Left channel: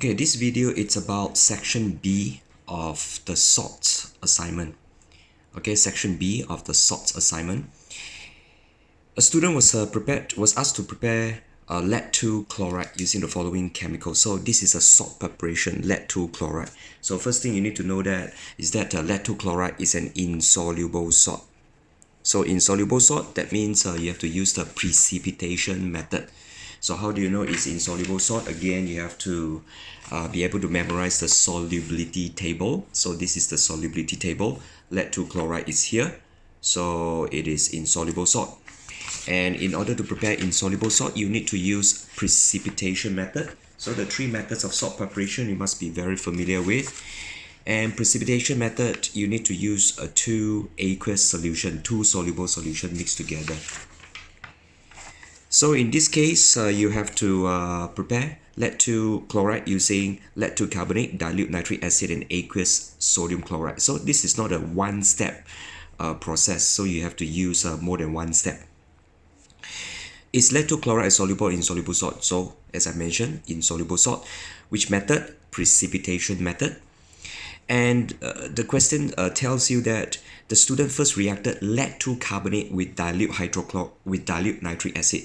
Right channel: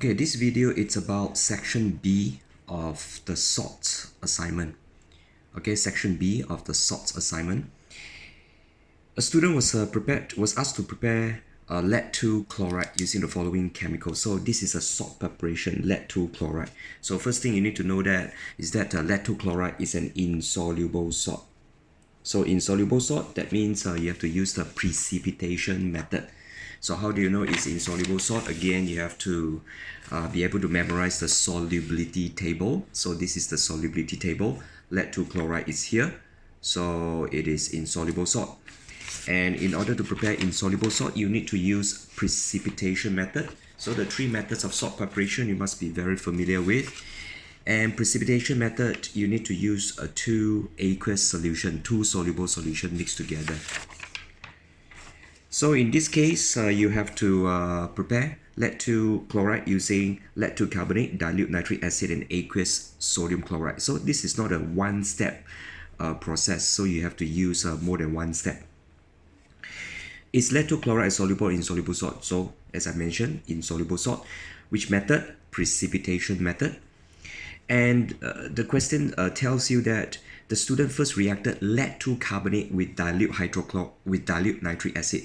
Okay, this video it's about section B of the salts assignment. Okay, section B of the salts assignment. A student was asked to prepare lead 2 chloride using the following chemicals. So this is a salt preparation, lead 2 chloride. So first thing you need to know that is that lead 2 chloride is an insoluble salt. So insoluble salt, that means you have to use the precipitation method. So how do you know it's insoluble salt? Again, you have to be able to memorize the solubility table. So this is the solubility table. Lead 2 chloride is here. So it is insoluble salt. And in order to prepare insoluble salt, you need to use precipitation method. So the three methods of salt preparation you must be very familiar with. And precipitation method, you need to use a two aqueous solution, two soluble solution mixed together. So in this case, you have to prepare lead 2 chloride using lead 2 carbonate, dilute nitric acid, and aqueous sodium chloride. So this is not a one-step process, so you have to use more than one step. Is lead 2 chloride soluble in insoluble salt? So as I mentioned, insoluble salt. Which method? Precipitation method. And the question tells you that the student first reacted lead 2 carbonate with dilute nitric acid.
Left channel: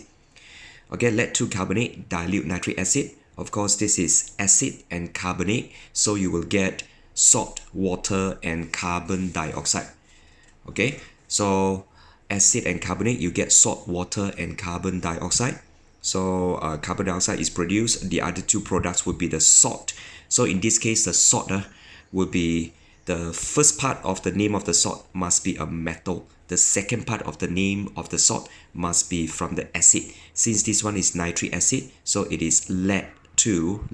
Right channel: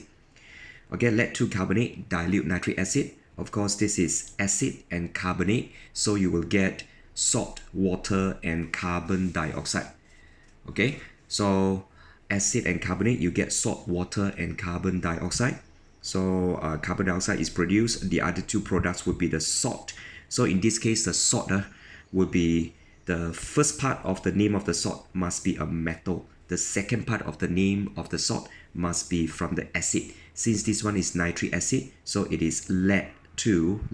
Okay, lead 2 carbonate, dilute nitric acid. Of course, this is acid and carbonate, so you will get salt, water, and carbon dioxide. Okay, so acid and carbonate, you get salt, water, and carbon dioxide. So carbon dioxide is produced. The other two products would be the salt. So in this case, the salt will be the first part of the name of the salt must be a metal. The second part of the name of the salt must be from the acid. Since this one is nitric acid, so it is lead 2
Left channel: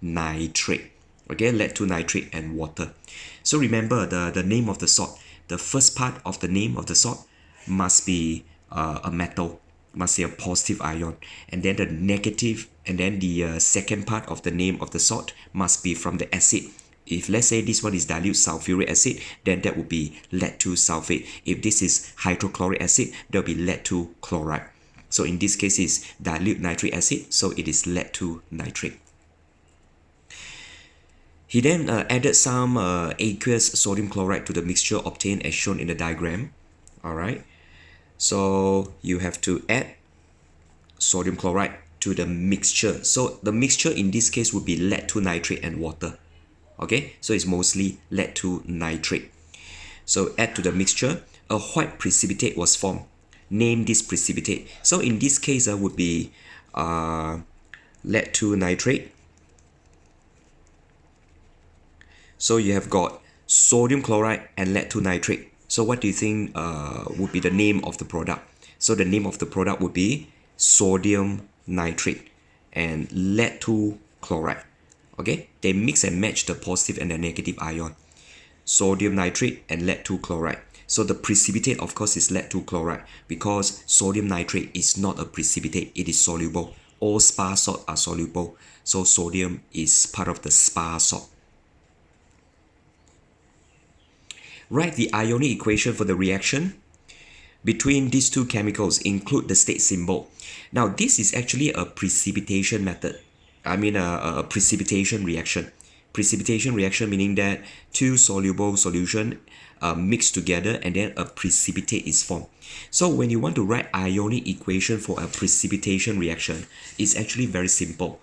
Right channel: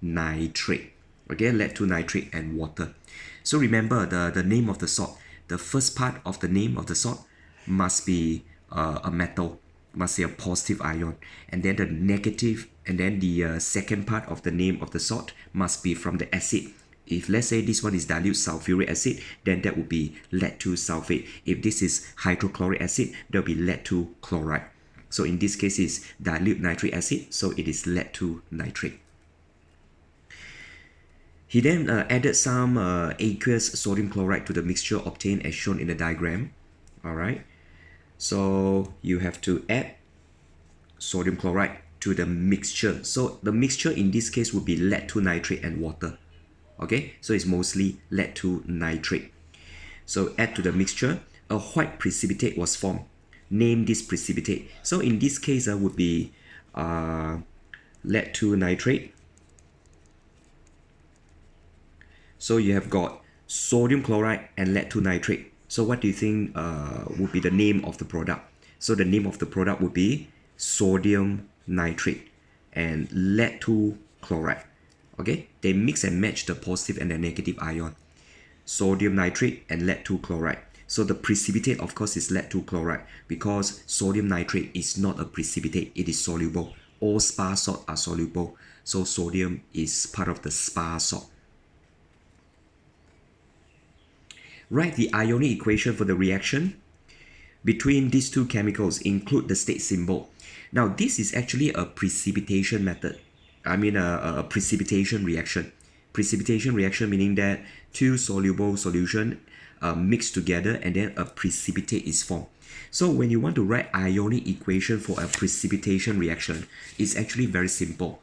nitrate. Okay, lead 2 nitrate and water. So remember the name of the salt. The first part of the name of the salt must be a metal, must be a positive ion. And then the negative, and then the second part of the name of the salt must be from the acid. If let's say this one is dilute sulfuric acid, then that would be lead 2 sulfate. If this is hydrochloric acid, that will be lead 2 chloride. So in this case is dilute nitric acid, so it is lead 2 nitrate. He then added some aqueous sodium chloride to the mixture obtained as shown in the diagram. Alright, so you have to add sodium chloride to the mixture. So the mixture in this case would be lead 2 nitrate and water. Okay, so it's mostly lead 2 nitrate. So add to the mixture, a white precipitate was formed. Name this precipitate. So in this case would be lead 2 nitrate. So you have got sodium chloride and lead 2 nitrate. So what do you think would be the name of the product? So the name of the product would be sodium nitrate and lead 2 chloride. Okay, they mix and match the positive and the negative ion. Sodium nitrate and lead 2 chloride. So the precipitate, of course, is lead 2 chloride because sodium nitrate is not a precipitate, it is soluble. All spar salts are soluble, so sodium is part of the spar salt. Write the Ionic equation for the reaction between these two chemicals. Include the state symbol. Now this is actually a precipitation method. I mean a precipitation reaction. Precipitation reaction meaning that two soluble solution mixed together and then a precipitate is formed. So when you want to write Ionic equation for a precipitation reaction, it's actually very simple.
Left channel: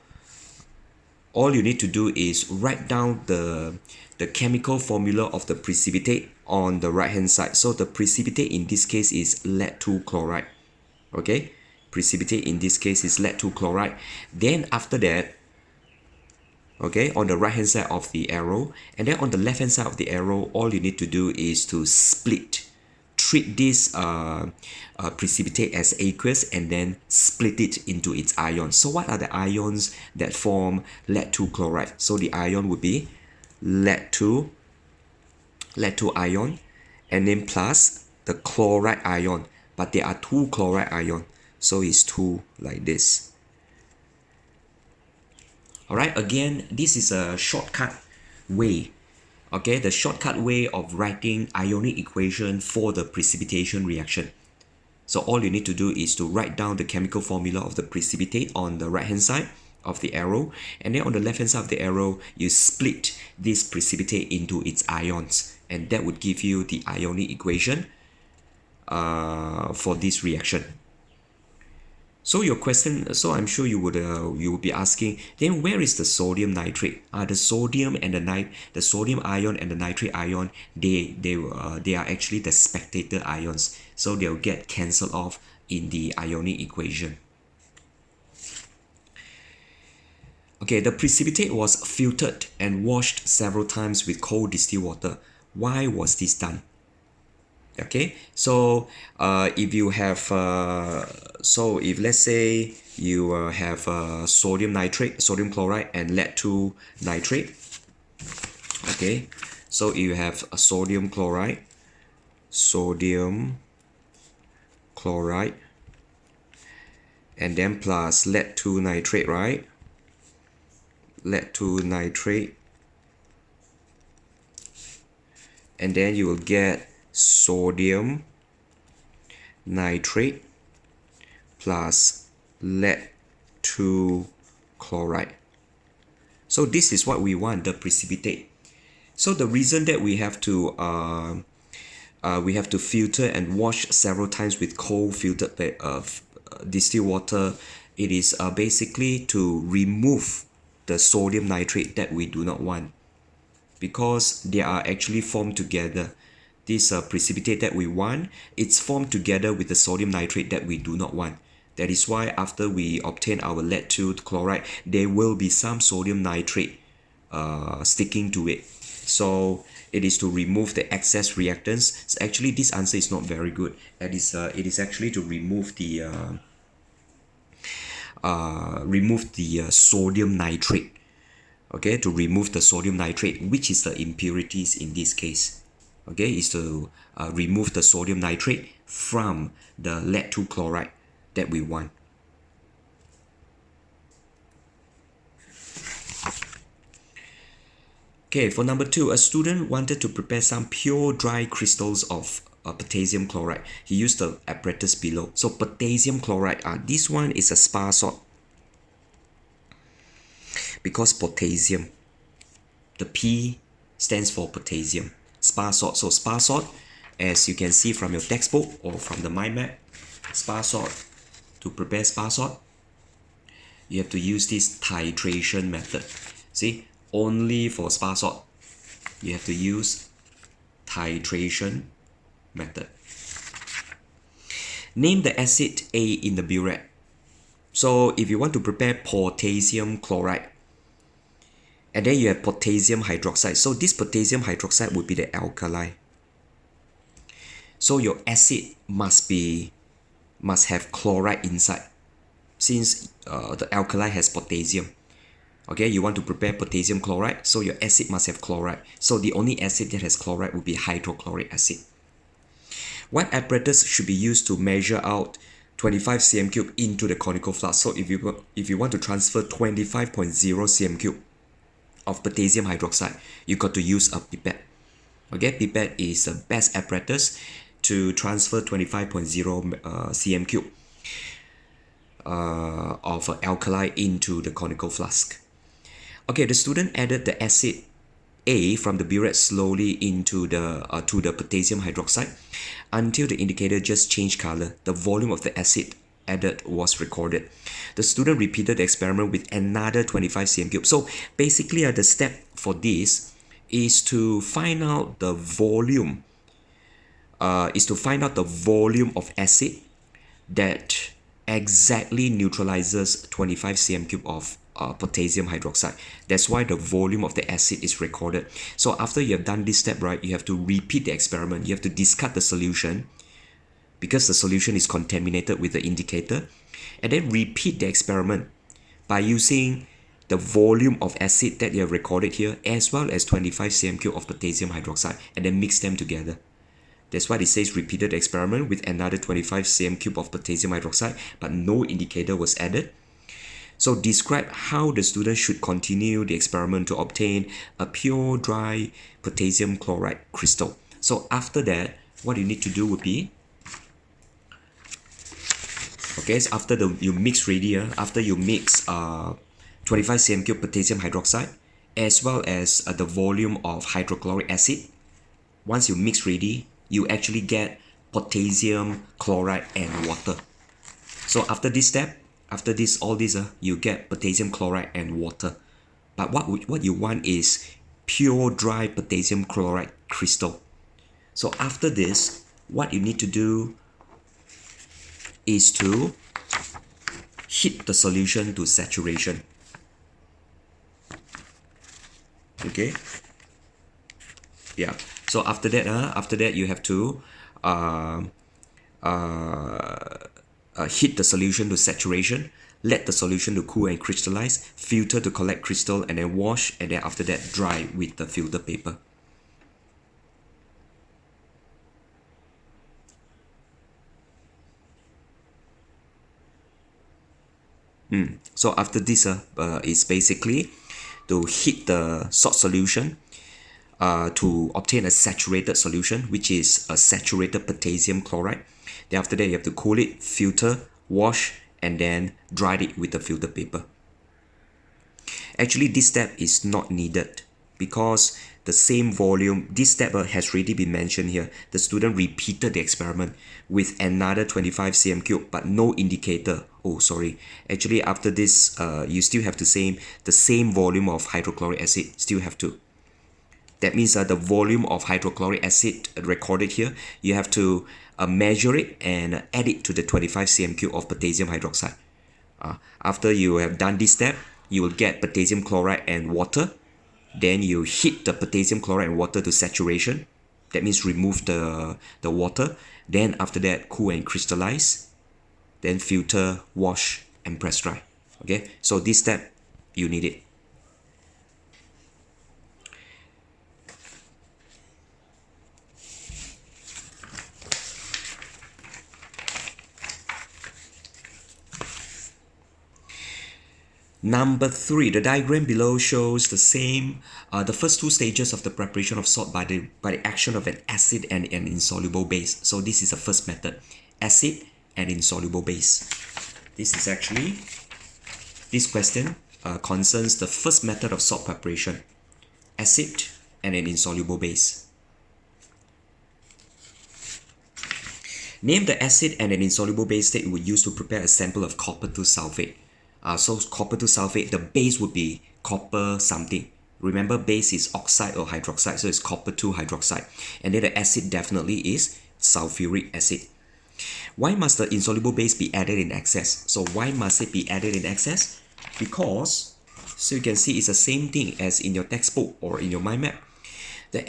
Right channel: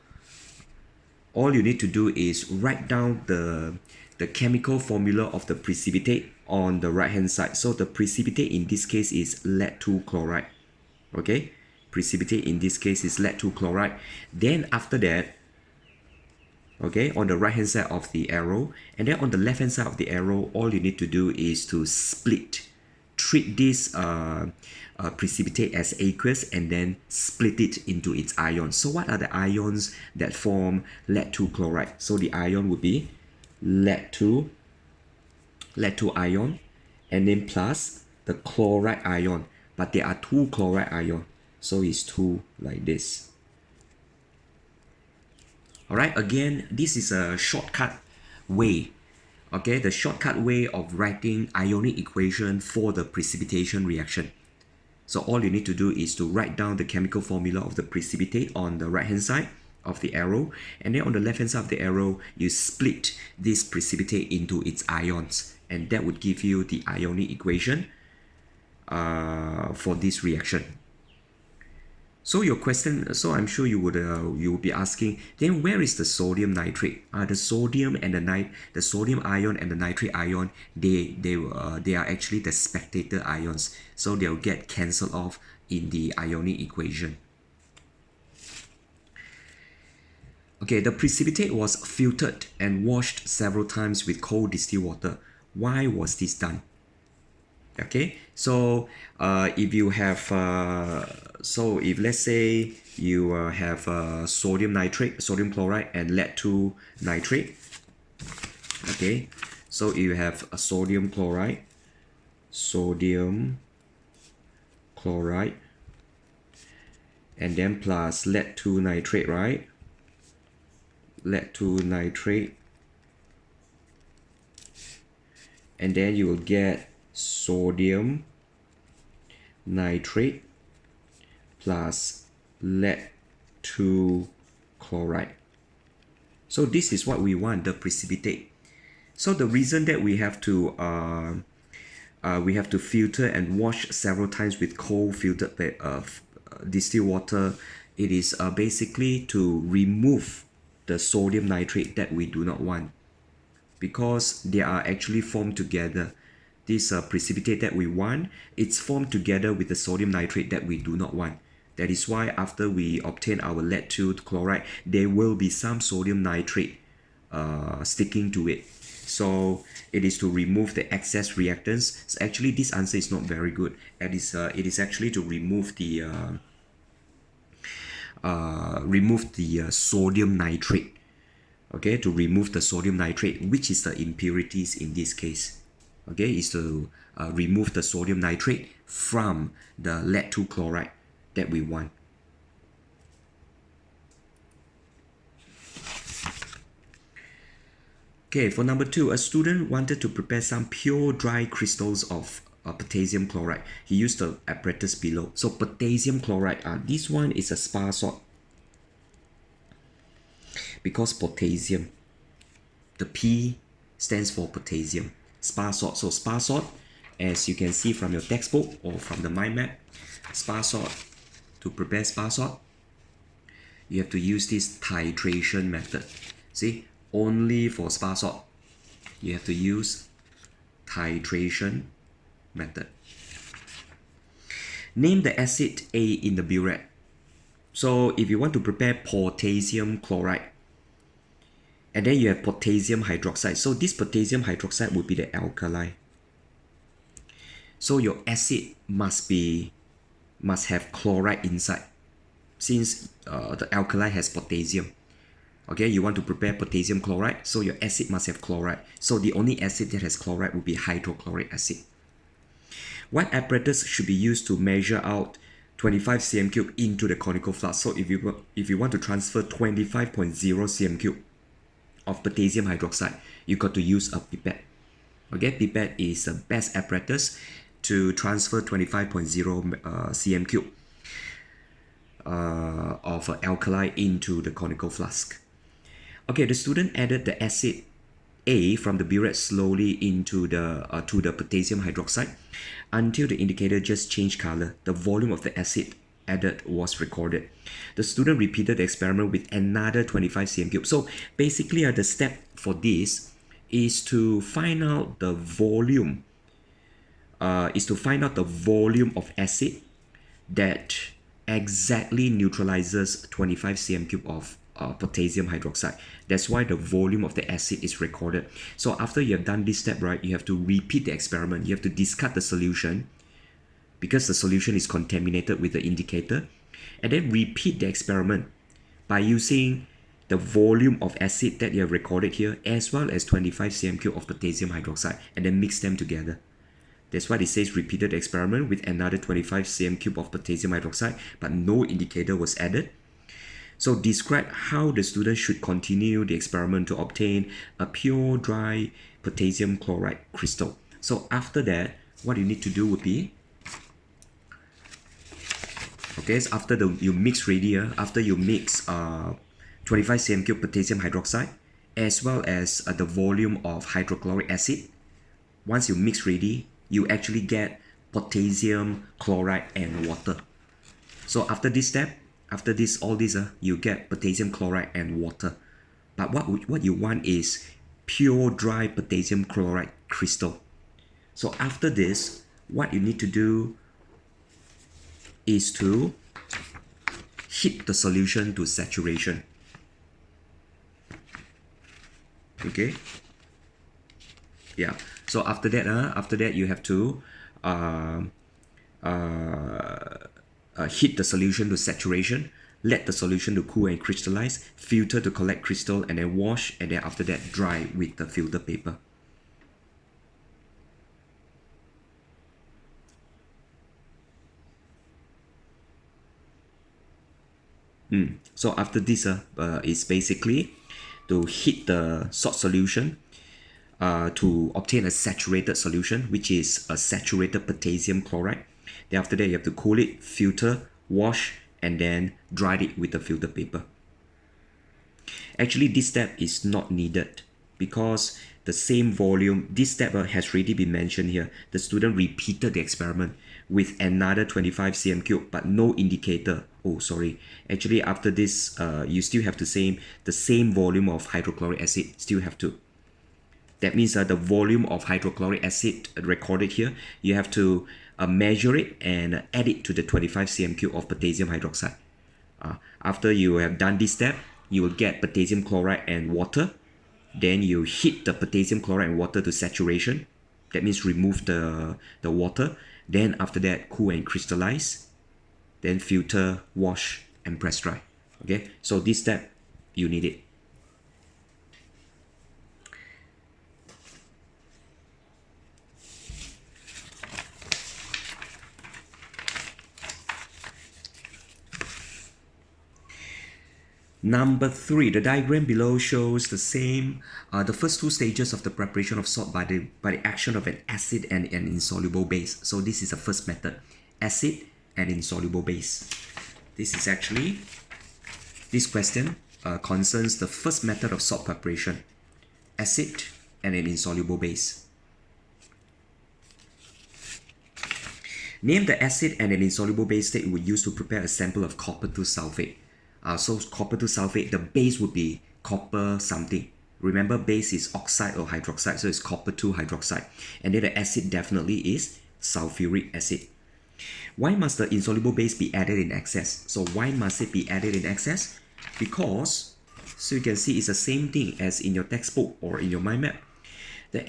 All you need to do is write down the chemical formula of the precipitate on the right hand side. So the precipitate in this case is lead 2 chloride. Okay, precipitate in this case is lead 2 chloride. Then after that, okay, on the right hand side of the arrow, and then on the left hand side of the arrow, all you need to do is to treat this precipitate as aqueous and then split it into its ions. So what are the ions that form lead 2 chloride? So the ion would be lead 2 ion, and then plus the chloride ion, but there are two chloride ion, so it's 2 like this. Alright, again, this is a shortcut way. Okay, the shortcut way of writing Ionic equation for the precipitation reaction. So all you need to do is to write down the chemical formula of the precipitate on the right hand side of the arrow, and then on the left hand side of the arrow you split this precipitate into its ions, and that would give you the ionic equation for this reaction. So your question, so I'm sure you would be asking, then where is the sodium nitrate? The sodium and the sodium ion and the nitrate ion, they are actually the spectator ions, so they'll get cancelled off in the ionic equation. Okay, the precipitate was filtered and washed several times with cold distilled water. Why was this done? Okay, so if you have so if let's say you have sodium nitrate, sodium chloride, and lead 2 nitrate. Okay, so you have a sodium chloride, and then plus lead 2 nitrate, right? Lead 2 nitrate, and then you will get sodium nitrate plus lead 2 chloride. So this is what we want, the precipitate. So the reason that we have to filter and wash several times with cold filtered distilled water, it is basically to remove the sodium nitrate that we do not want, because they are actually formed together. This precipitate that we want, it's formed together with the sodium nitrate that we do not want. That is why after we obtain our lead 2 chloride, there will be some sodium nitrate sticking to it. So it is to remove the excess reactants. So actually, this answer is not very good. It is actually to remove the sodium nitrate. Okay, to remove the sodium nitrate, which is the impurities in this case. Okay, is to remove the sodium nitrate from the lead 2 chloride that we want. Okay, for number 2, a student wanted to prepare some pure dry crystals of potassium chloride. He used the apparatus below. So potassium chloride, this one is a spar salt. Because potassium, the P stands for potassium. Spar salt. So spar salt, as you can see from your textbook or from the mind map, spar salt, to prepare spar salt, you have to use this titration method. See, only for spar salt, you have to use titration method. Name the acid A in the burette. So if you want to prepare potassium chloride, and then you have potassium hydroxide. So this potassium hydroxide would be the alkali. So your acid must have chloride inside, since the alkali has potassium. Okay, you want to prepare potassium chloride, so your acid must have chloride. So the only acid that has chloride would be hydrochloric acid. What apparatus should be used to measure out 25 cm3 into the conical flask? So if you want to transfer 25.0 cm3 of potassium hydroxide, you got to use a pipette. Okay, pipette is the best apparatus to transfer 25.0 cm3 of alkali into the conical flask. Okay, the student added the acid A from the burette slowly into to the potassium hydroxide until the indicator just changed color. The volume of the acid added was recorded. The student repeated the experiment with another 25 cm3. So basically, the step for this is to find out the volume. Of acid that exactly neutralizes 25 cm3 of potassium hydroxide. That's why the volume of the acid is recorded. So after you have done this step, right, you have to repeat the experiment. You have to discard the solution because the solution is contaminated with the indicator, and then repeat the experiment by using the volume of acid that you have recorded here as well as 25 cm3 of potassium hydroxide, and then mix them together. That's why it says repeated the experiment with another 25 cm3 of potassium hydroxide, but no indicator was added. So describe how the student should continue the experiment to obtain a pure dry potassium chloride crystal. So after that, what you need to do would be, okay, so after you mix 25 cm cube potassium hydroxide, as well as the volume of hydrochloric acid. Once you mix ready, you actually get potassium chloride and water. So after this step, after this, all this, you get potassium chloride and water. But what you want is pure dry potassium chloride crystal. So after this, what you need to do is to heat the solution to saturation. Okay. Yeah. So after that, you have to heat the solution to saturation, let the solution to cool and crystallize, filter to collect crystal, and then wash, and then after that dry with the filter paper. So after this is basically to heat the salt solution to obtain a saturated solution, which is a saturated potassium chloride. Then after that, you have to cool it, filter, wash, and then dry it with the filter paper. Actually, this step is not needed because the same volume, this step has already been mentioned here. The student repeated the experiment with another 25 cm cube, but no indicator. Oh, sorry. Actually, after this, you still have to the same volume of hydrochloric acid, still have to. That means the volume of hydrochloric acid recorded here, you have to measure it and add it to the 25 cm cube of potassium hydroxide. After you have done this step, you will get potassium chloride and water. Then you heat the potassium chloride and water to saturation. That means remove the water. Then after that, cool and crystallize. Then filter, wash, and press dry. Okay, so this step, you need it. Number 3, the diagram below shows the same, the first two stages of the preparation of salt by the action of an acid and an insoluble base. So this is the first method, acid and insoluble base. This is actually, this question concerns the first method of salt preparation, acid and an insoluble base. Name the acid and an insoluble base that you would use to prepare a sample of copper 2 sulfate. So copper 2 sulfate, the base would be copper something. Remember, base is oxide or hydroxide, so it's copper 2 hydroxide. And then the acid definitely is sulfuric acid. Why must the insoluble base be added in excess? So why must it be added in excess? Because, so you can see it's the same thing as in your textbook or in your mind map. The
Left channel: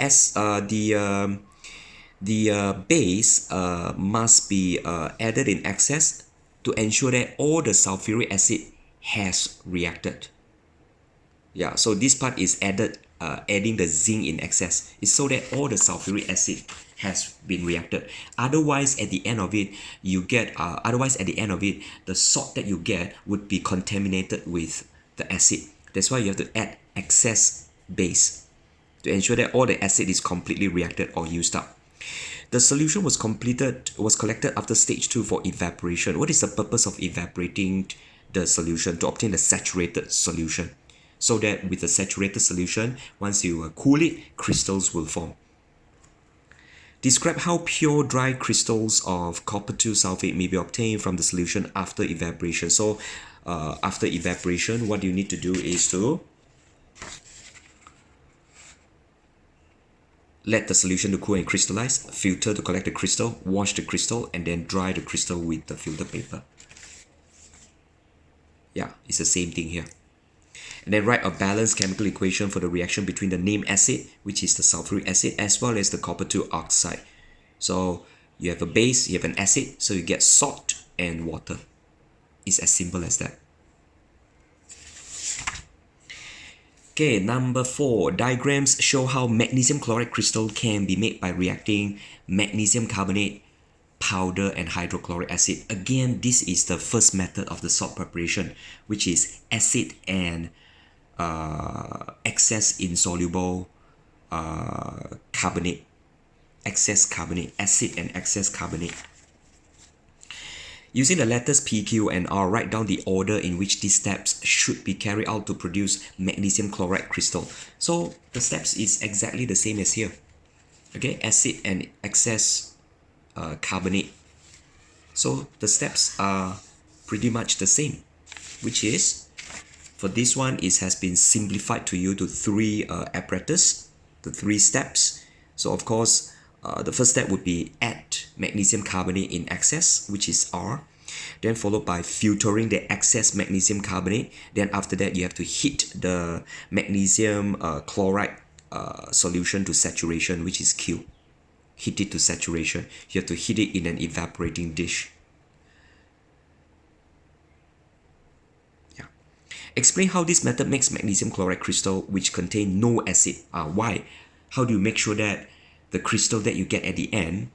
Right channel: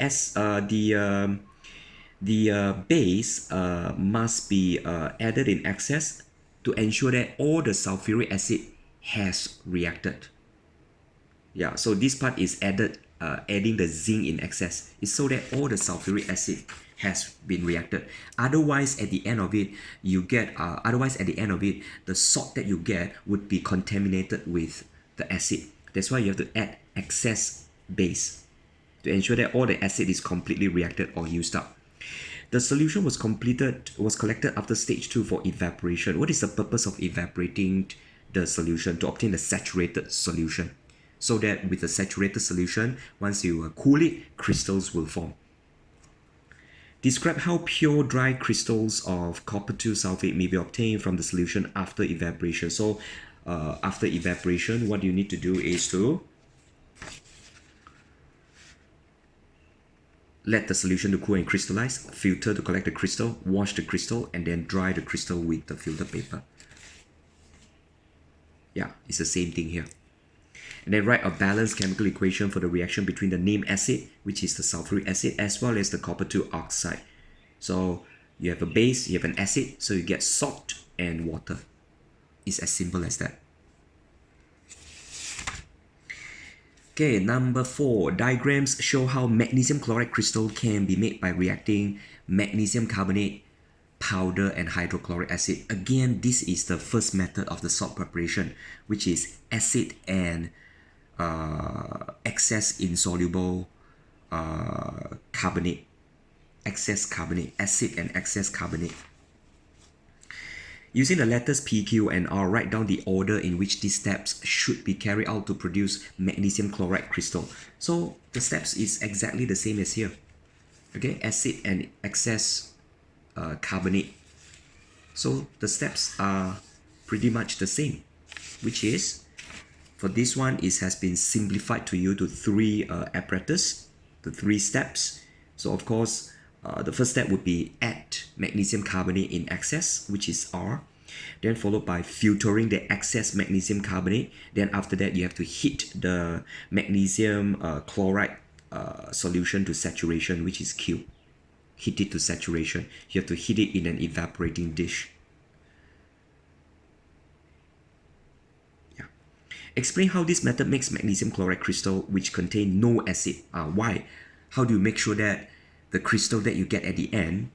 base must be added in excess to ensure that all the sulfuric acid has reacted. Yeah, so this part is adding the zinc in excess. It's so that all the sulfuric acid has been reacted. Otherwise, at the end of it, the salt that you get would be contaminated with the acid. That's why you have to add excess base to ensure that all the acid is completely reacted or used up. The solution was collected after stage 2 for evaporation. What is the purpose of evaporating the solution? To obtain a saturated solution. So that with the saturated solution, once you cool it, crystals will form. Describe how pure dry crystals of copper 2 sulfate may be obtained from the solution after evaporation. So after evaporation, what you need to do is to let the solution to cool and crystallize, filter to collect the crystal, wash the crystal, and then dry the crystal with the filter paper. Yeah, it's the same thing here. And then write a balanced chemical equation for the reaction between the named acid, which is the sulfuric acid, as well as the copper 2 oxide. So you have a base, you have an acid, so you get salt and water. It's as simple as that. Okay, number 4. Diagrams show how magnesium chloride crystal can be made by reacting magnesium carbonate, powder, and hydrochloric acid. Again, this is the first method of the salt preparation, which is acid and excess insoluble carbonate. Excess carbonate, acid and excess carbonate. Using the letters P, Q, and R, write down the order in which these steps should be carried out to produce magnesium chloride crystal. So the steps is exactly the same as here. Okay, acid and excess carbonate. So the steps are pretty much the same, which is, for this one, it has been simplified to you to three apparatus, the three steps. So of course, the first step would be add magnesium carbonate in excess, which is R. Then followed by filtering the excess magnesium carbonate. Then after that, you have to heat the magnesium chloride solution to saturation, which is Q. Heat it to saturation. You have to heat it in an evaporating dish. Yeah. Explain how this method makes magnesium chloride crystal which contain no acid. Why? How do you make sure that the crystal that you get at the end,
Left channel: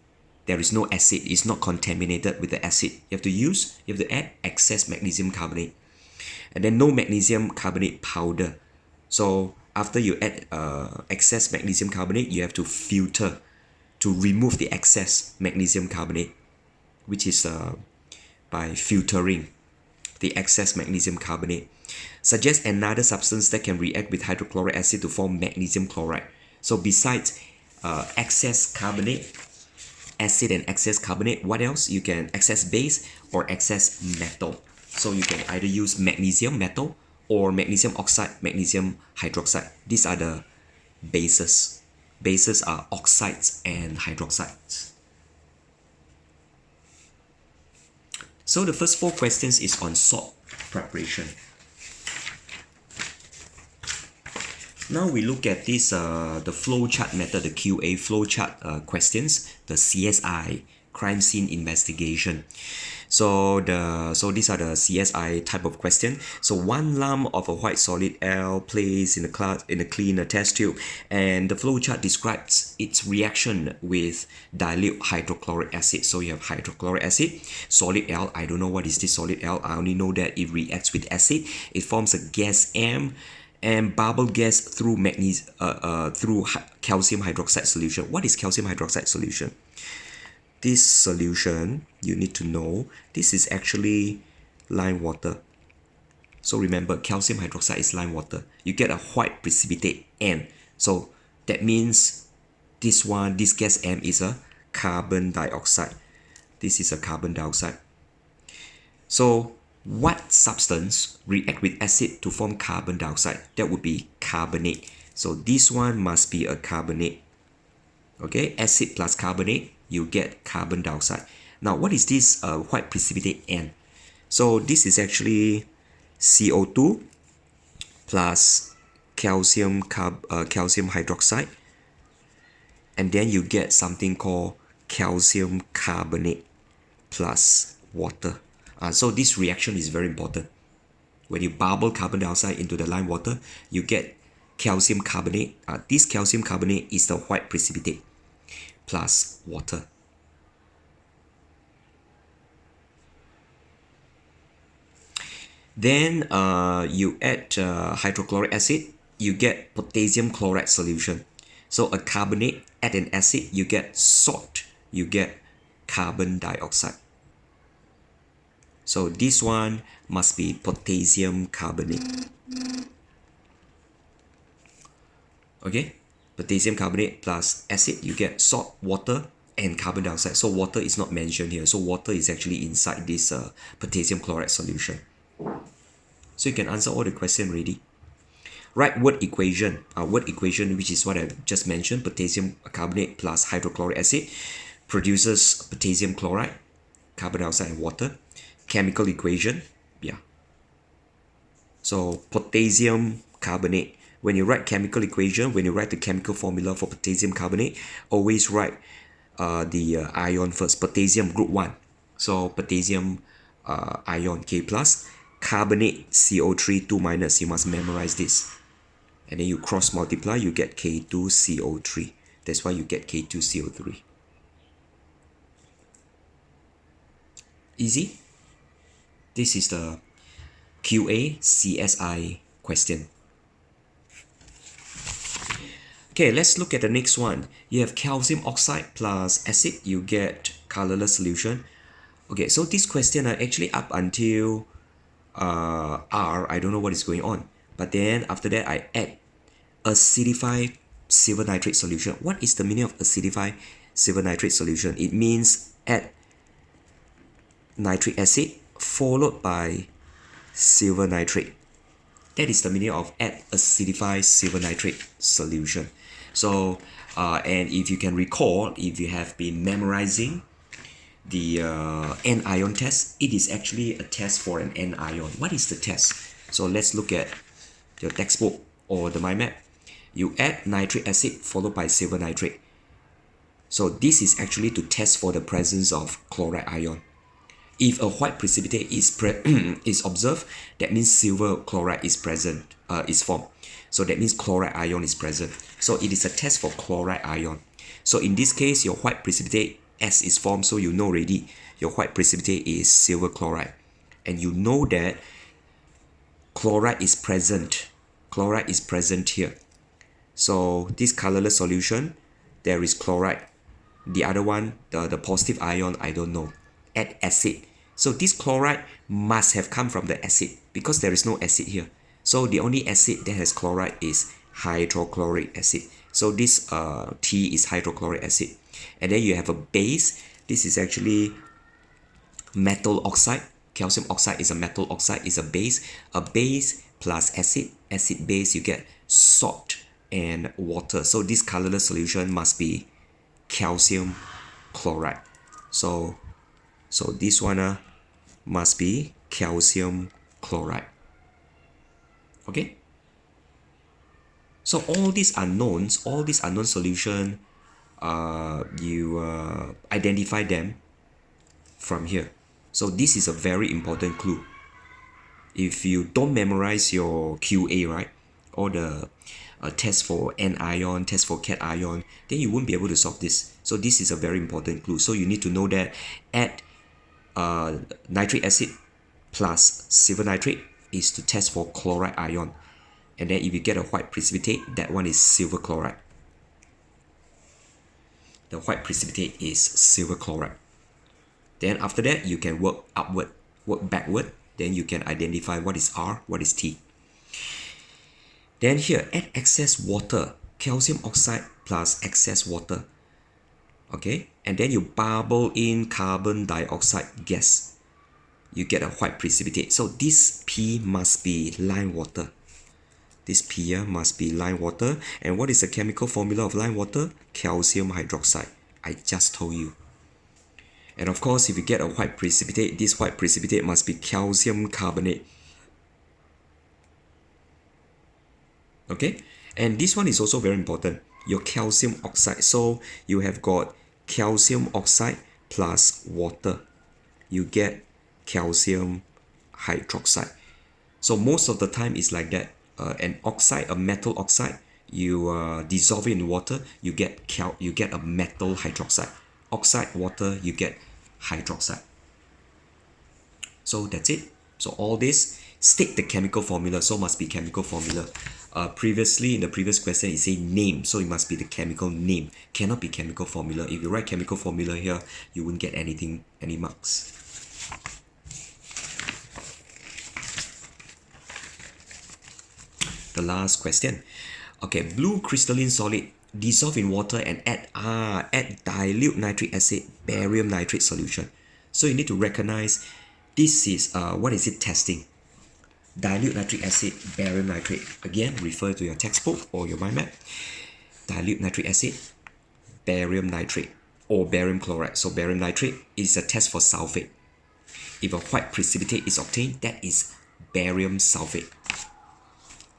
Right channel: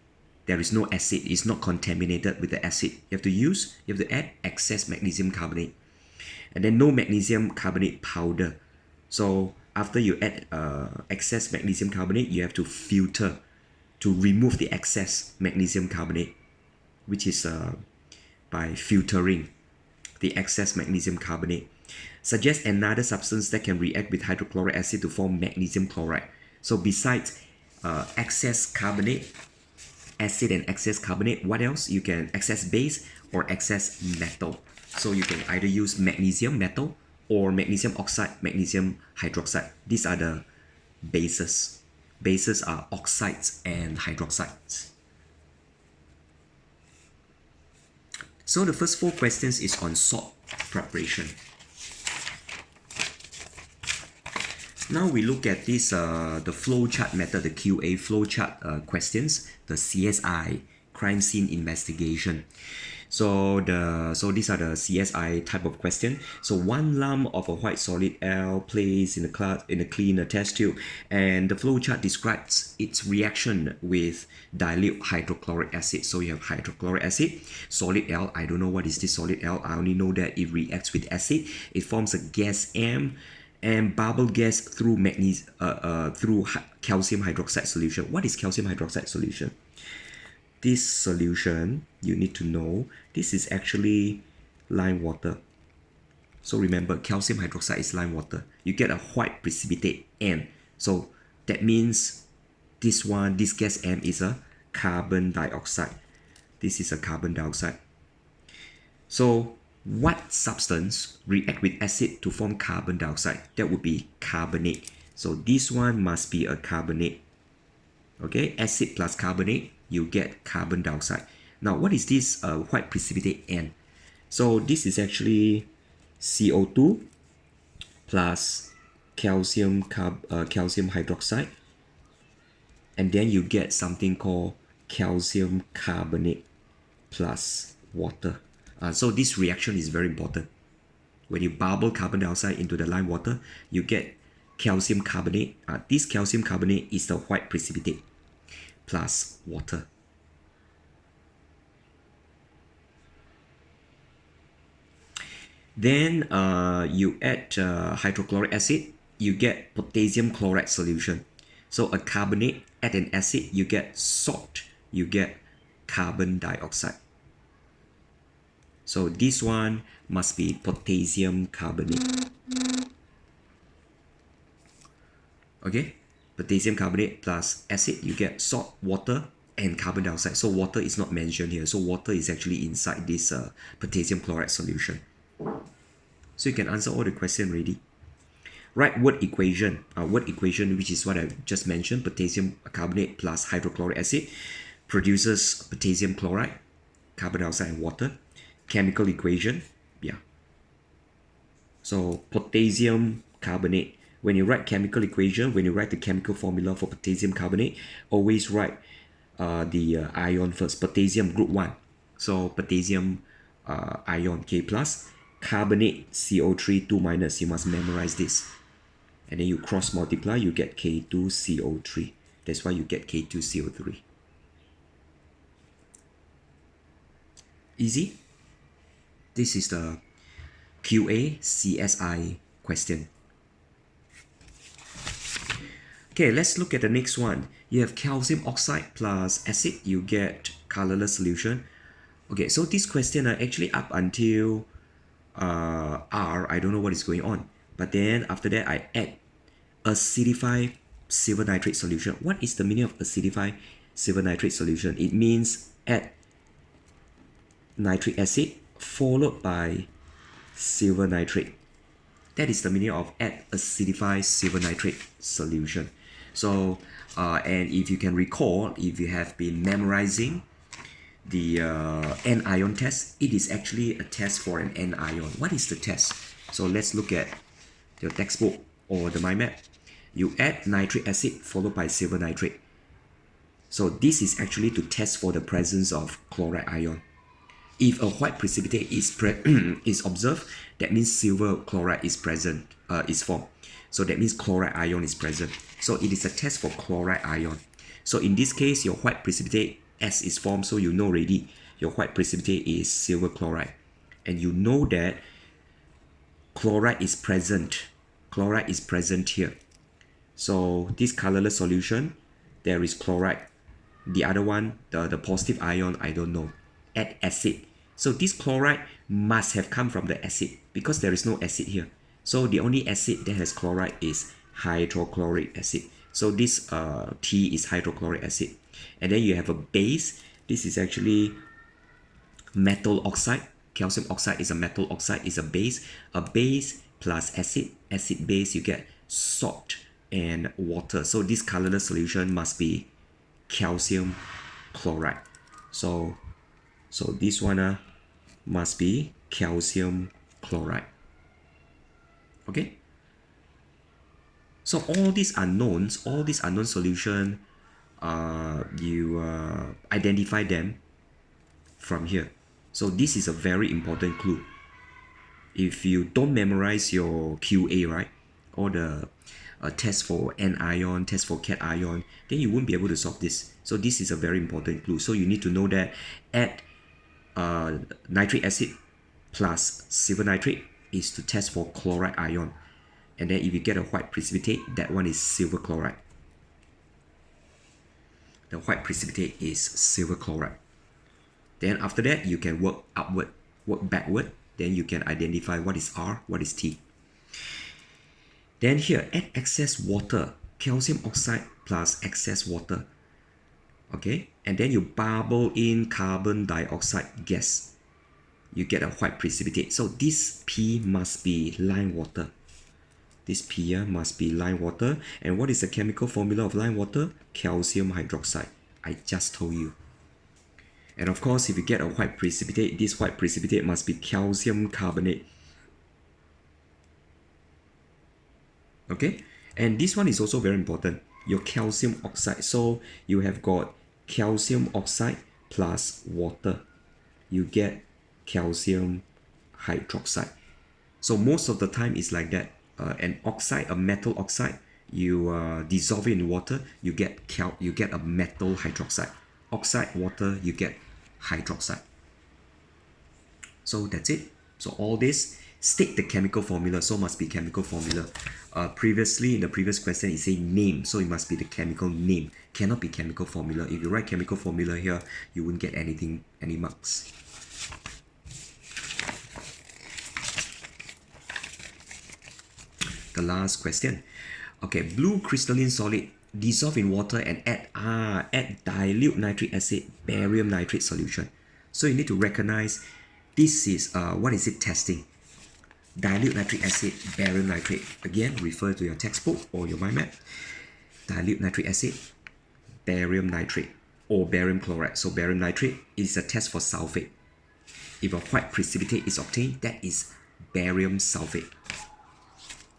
there is no acid, is not contaminated with the acid? You have to add excess magnesium carbonate. And then no magnesium carbonate powder. So after you add excess magnesium carbonate, you have to filter to remove the excess magnesium carbonate, which is by filtering the excess magnesium carbonate. Suggest another substance that can react with hydrochloric acid to form magnesium chloride. So besides excess carbonate, acid and excess carbonate, what else? You can excess base or excess metal. So you can either use magnesium metal or magnesium oxide, magnesium hydroxide. These are the bases. Bases are oxides and hydroxides. So the first 4 questions is on salt preparation. Now we look at this, the flowchart method, the QA flowchart questions, the CSI, crime scene investigation. So these are the CSI type of question. So 1 lump of a white solid L placed in a clean test tube, and the flowchart describes its reaction with dilute hydrochloric acid. So you have hydrochloric acid, solid L. I don't know what is this solid L. I only know that it reacts with acid. It forms a gas M and bubble gas through calcium hydroxide solution. What is calcium hydroxide solution? This solution, you need to know, this is actually lime water. So remember, calcium hydroxide is lime water. You get a white precipitate N. So that means this gas M is a carbon dioxide. This is a carbon dioxide. So what substance react with acid to form carbon dioxide? That would be carbonate. So this one must be a carbonate. Okay, acid plus carbonate, you get carbon dioxide. Now, what is this white precipitate N? So this is actually CO2 plus calcium hydroxide, and then you get something called calcium carbonate plus water. So this reaction is very important. When you bubble carbon dioxide into the lime water, you get calcium carbonate. This calcium carbonate is the white precipitate plus water. Then you add hydrochloric acid, you get potassium chloride solution. So a carbonate, add an acid, you get salt, you get carbon dioxide. So this one must be potassium carbonate. Okay, potassium carbonate plus acid, you get salt, water, and carbon dioxide. So water is not mentioned here. So water is actually inside this potassium chloride solution. So you can answer all the questions already. Write word equation. Word equation, which is what I just mentioned, potassium carbonate plus hydrochloric acid produces potassium chloride, carbon dioxide, and water. Chemical equation, yeah. So potassium carbonate. When you write chemical equation, when you write the chemical formula for potassium carbonate, always write the ion first. Potassium group 1. So potassium ion K plus, carbonate CO3 2 minus. You must memorize this. And then you cross multiply, you get K2CO3. That's why you get K2CO3. Easy. This is the QA CSI question. Okay, let's look at the next one. You have calcium oxide plus acid, you get colorless solution. Okay, so this question actually up until R, I don't know what is going on. But then after that, I add acidified silver nitrate solution. What is the meaning of acidified silver nitrate solution? It means add nitric acid followed by silver nitrate. That is the meaning of add acidified silver nitrate solution. So, and if you can recall, if you have been memorizing the anion test, it is actually a test for an anion. What is the test? So let's look at your textbook or the mind map. You add nitric acid followed by silver nitrate. So this is actually to test for the presence of chloride ion. If a white precipitate is is observed, that means silver chloride is present, is formed. So that means chloride ion is present. So it is a test for chloride ion. So in this case, your white precipitate S is formed, so you know already your white precipitate is silver chloride. And you know that chloride is present. Chloride is present here. So this colorless solution, there is chloride. The other one, the positive ion, I don't know. Add acid. So this chloride must have come from the acid because there is no acid here. So the only acid that has chloride is hydrochloric acid. So this T is hydrochloric acid. And then you have a base. This is actually metal oxide. Calcium oxide is a metal oxide, is a base. A base plus acid. Acid base, you get salt and water. So this colorless solution must be calcium chloride. So this one must be calcium chloride. Okay? So all these unknown solution, you identify them from here. So this is a very important clue. If you don't memorize your QA, right, or the test for anion, test for cation, then you won't be able to solve this. So this is a very important clue. So you need to know that add nitric acid plus silver nitrate is to test for chloride ion. And then if you get a white precipitate, that one is silver chloride. The white precipitate is silver chloride. Then after that, you can work upward, work backward. Then you can identify what is R, what is T. Then here, add excess water, calcium oxide plus excess water. Okay, and then you bubble in carbon dioxide gas. You get a white precipitate. So this P must be lime water. This P must be lime water. And what is the chemical formula of lime water? Calcium hydroxide. I just told you. And of course, if you get a white precipitate, this white precipitate must be calcium carbonate. Okay, and this one is also very important. Your calcium oxide. So you have got calcium oxide plus water. You get calcium hydroxide. So most of the time it's like that. An oxide, a metal oxide, you dissolve it in water, you get a metal hydroxide. Oxide, water, you get hydroxide. So that's it. So all this, state the chemical formula. So must be chemical formula. Previously in the previous question, it said name, so it must be the chemical name. Cannot be chemical formula. If you write chemical formula here, you won't get anything, any marks. The last question. Okay, blue crystalline solid dissolve in water and add dilute nitric acid barium nitrate solution. So you need to recognize this is what is it testing? Dilute nitric acid barium nitrate. Again, refer to your textbook or your mind map. Dilute nitric acid barium nitrate or barium chloride. So barium nitrate is a test for sulfate. If a white precipitate is obtained, that is barium sulfate.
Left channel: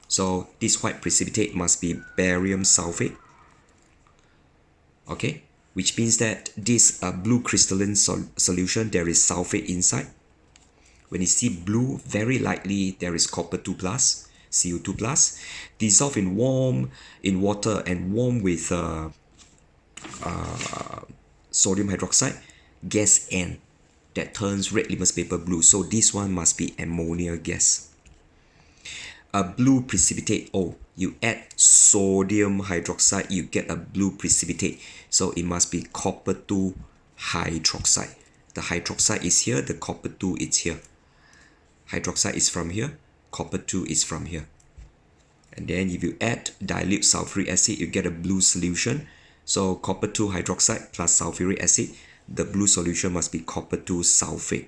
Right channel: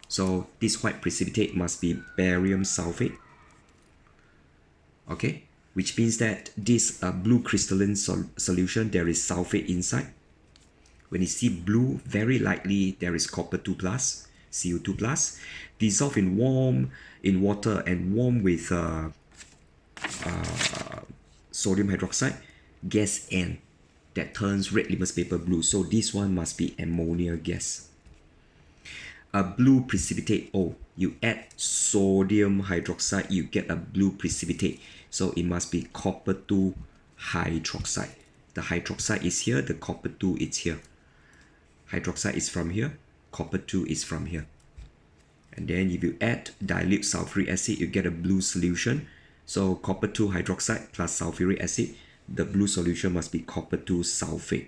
So this white precipitate must be barium sulfate. Okay, which means that this blue crystalline solution, there is sulfate inside. When you see blue, very likely there is copper 2 plus, CO2 plus. Dissolve in water and warm with sodium hydroxide, gas N, that turns red litmus paper blue. So this one must be ammonia gas. A blue precipitate, oh, you add sodium hydroxide, you get a blue precipitate. So it must be copper 2 hydroxide. The hydroxide is here, the copper 2 is here. Hydroxide is from here, copper 2 is from here. And then if you add dilute sulfuric acid, you get a blue solution. So copper 2 hydroxide plus sulfuric acid, the blue solution must be copper 2 sulfate.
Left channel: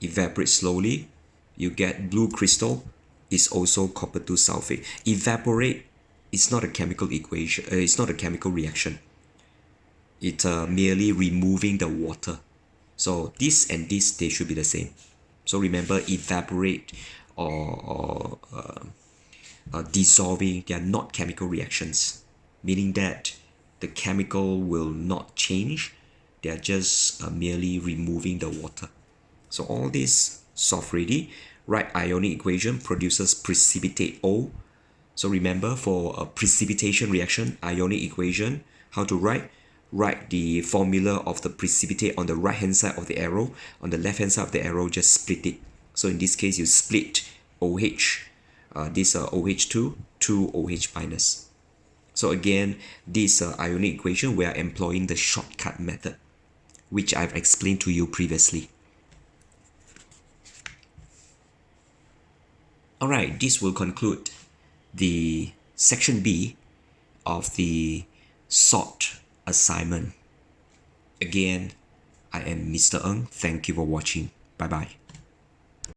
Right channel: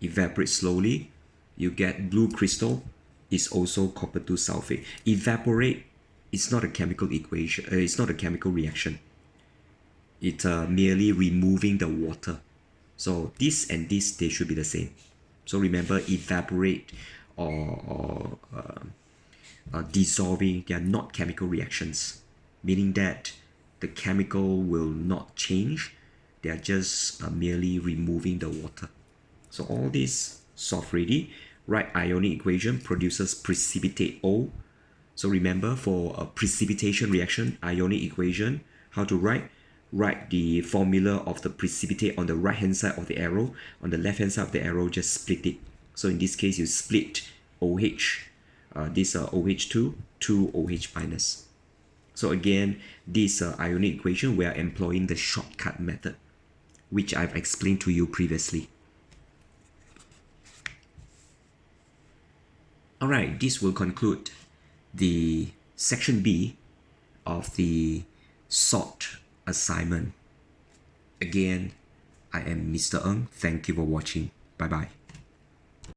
Evaporate slowly, you get blue crystal, is also copper 2 sulfate. Evaporate is not a chemical equation, it's not a chemical reaction. It's merely removing the water. So this and this, they should be the same. So remember, evaporate or dissolving, they are not chemical reactions, meaning that the chemical will not change, they are just merely removing the water. So all this solved ready. Write ionic equation produces precipitate O. So remember, for a precipitation reaction, ionic equation, how to write? Write the formula of the precipitate on the right hand side of the arrow. On the left hand side of the arrow, just split it. So in this case, you split OH, this OH2 to OH minus. So again, this ionic equation, we are employing the shortcut method, which I've explained to you previously. Alright, this will conclude the section B of the salt assignment. Again, I am Mr. Ng. Thank you for watching. Bye bye.